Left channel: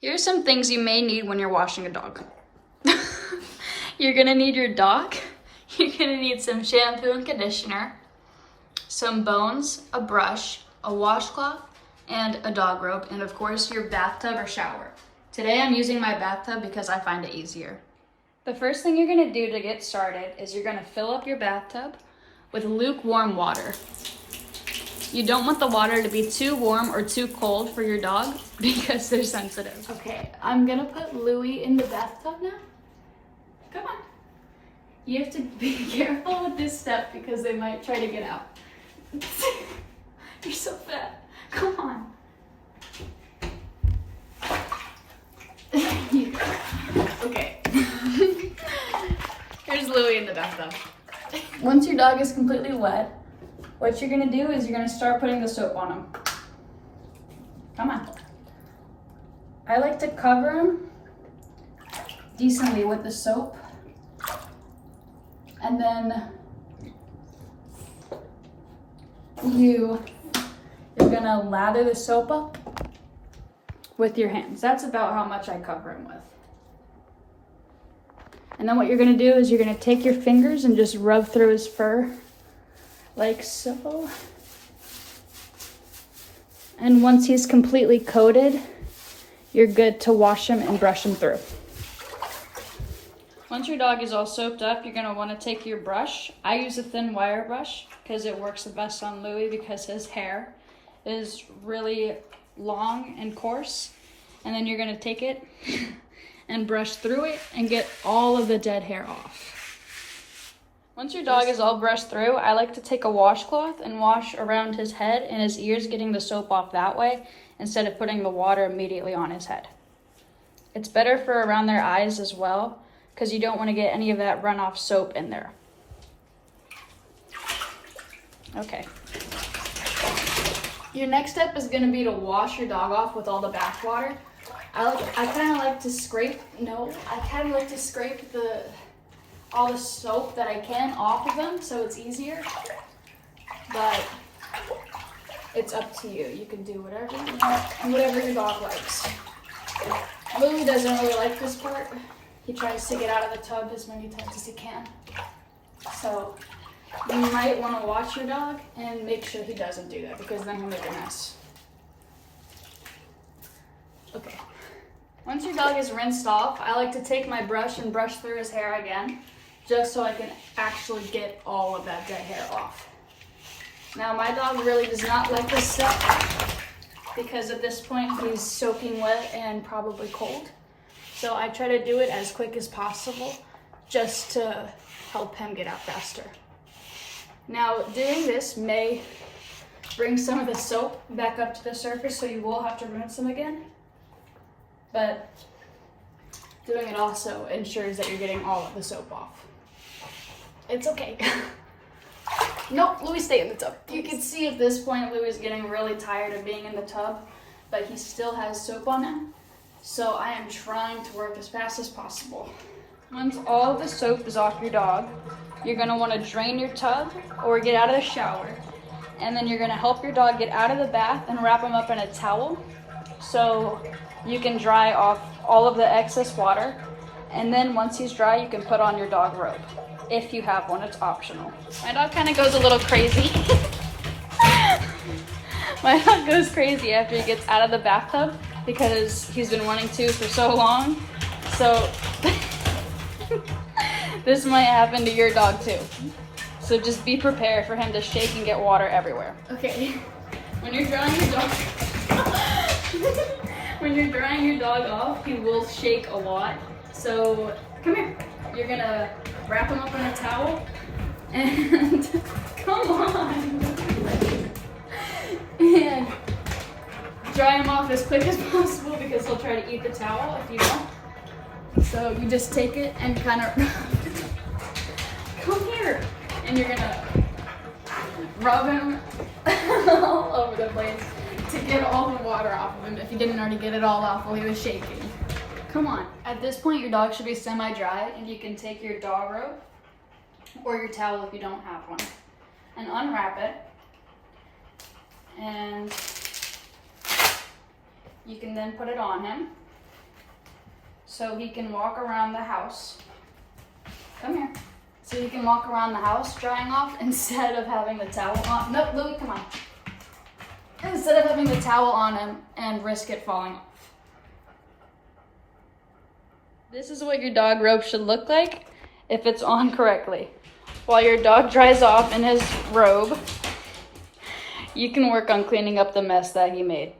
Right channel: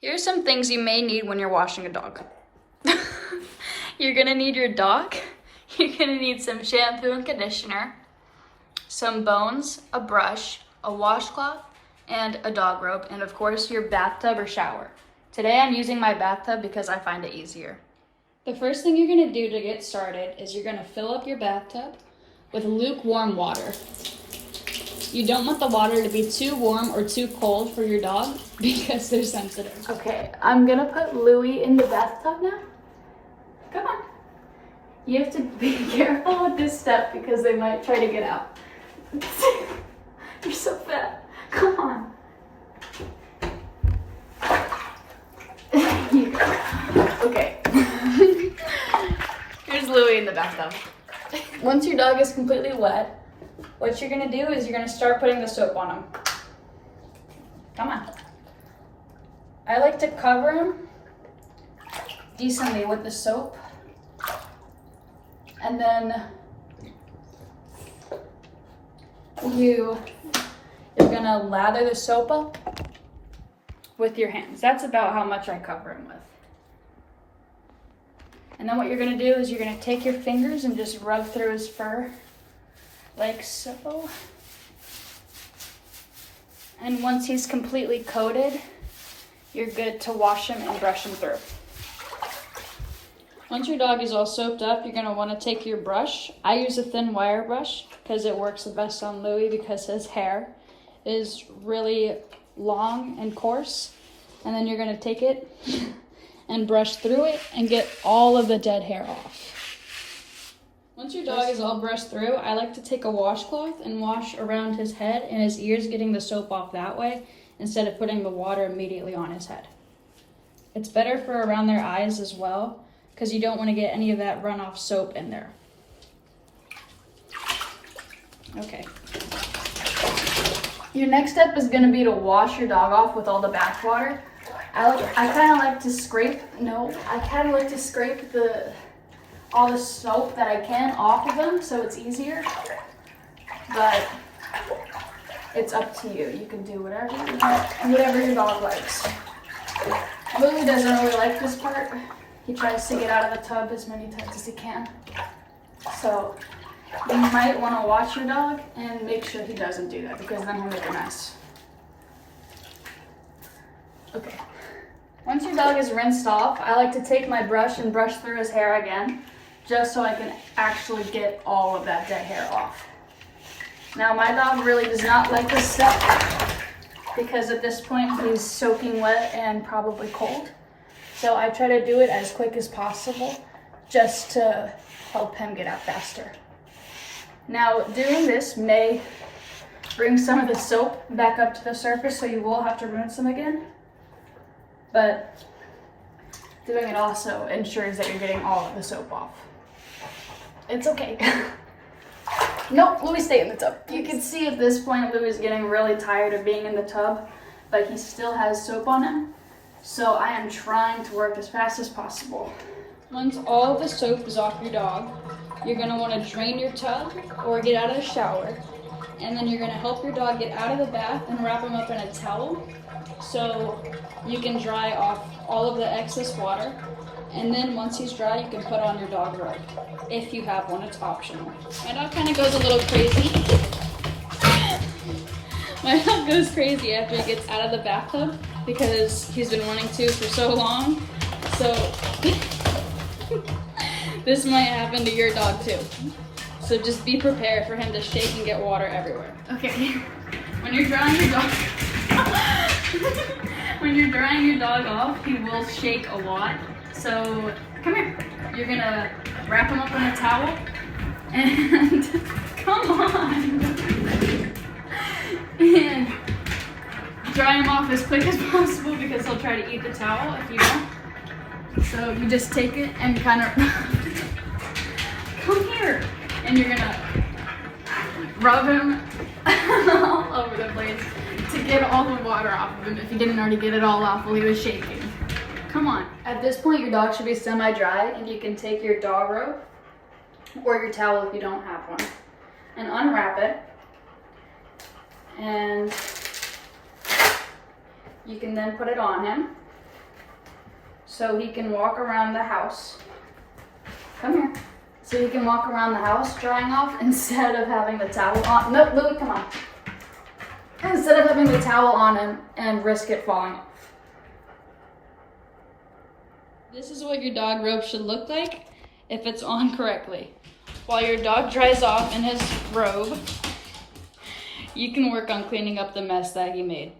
Here's some things you may need when you're washing a dog. You're gonna need your dog. You're gonna need some shampoo and conditioner, some bones, a brush, a washcloth, and a dog rope, and of course your bathtub or shower. Today I'm using my bathtub because I find it easier. The first thing you're gonna do to get started is you're gonna fill up your bathtub with lukewarm water. You don't want the water to be too warm or too cold for your dog because they're sensitive. Okay, I'm gonna put Louie in the bathtub now. Come on. You have to be careful with this step because they might try to get out. You're so fat. Come on. Okay. Here's Louie in the bathtub. Once your dog is completely wet, what you're gonna do is you're gonna start putting the soap on him. Come on. I like to cover him decently with the soap. And then you're gonna lather the soap up with your hands. That's about how much I cover him with. And then what you're gonna do is you're gonna take your fingers and just rub through his fur like so. And once he's completely coated, you're good to wash him and brush him through. Once your dog is all soaped up, you're gonna wanna take your brush. I use a thin wire brush because it works the best on Louie because his hair is really long and coarse. And then you're gonna take it and brush through it and get all of the dead hair off. Once your dog is all brushed through, I like to take a washcloth and wash around his head and his ears, getting the soap off that way instead of putting the water immediately on his head. It's better for around their eyes as well because you don't want to get any of that runoff soap in there. Okay. Your next step is going to be to wash your dog off with all the bath water. I kind of like to scrape all the soap that I can off of them so it's easier, but it's up to you. You can do whatever you want and whatever your dog likes. Louie doesn't really like this part. He tries to get out of the tub as many times as he can. So you might want to watch your dog and make sure he doesn't do that because then he'll make a mess. Okay. Once your dog is rinsed off, I like to take my brush and brush through his hair again, just so I can actually get all of that dead hair off. Now my dog really does not like this step because at this point he's soaking wet and probably cold. So I try to do it as quick as possible just to help him get out faster. Now doing this may bring some of the soap back up to the surface, so you will have to rinse them again. But doing it also ensures that you're getting all of the soap off. It's okay. Nope, Louie, stay in the tub. You can see at this point Louie is getting really tired of being in the tub, but he still has soap on him. So I am trying to work as fast as possible. Once all of the soap is off your dog, you're gonna wanna drain your tub or get out of the shower. And then you're gonna help your dog get out of the bath and wrap him up in a towel so you can dry off all of the excess water. And then once he's dry, you can put on your dog robe. If you have one, it's optional. My dog kind of goes a little crazy. My dog goes crazy after he gets out of the bathtub because he's been wanting to for so long. So this might happen to your dog too. So just be prepared for him to shake and get water everywhere. Okay, when you're drying your dog, when you're drying your dog off, he will shake a lot. So come here. You're gonna wrap him up in a towel and come on. And dry him off as quick as possible because he'll try to eat the towel if you don't. So you just take it and kind of come here. And you're gonna rub him all over the place to get all the water off of him if you didn't already get it all off while he was shaking. Come on. At this point, your dog should be semi-dry, and you can take your dog robe or your towel if you don't have one and unwrap it. And you can then put it on him. so he can walk around the house. Come here. So he can walk around the house drying off instead of having the towel on. No, Louis, come on. Instead of having the towel on him and risk it falling off. This is what your dog robe should look like if it's on correctly. While your dog dries off in his robe, you can work on cleaning up the mess that he made.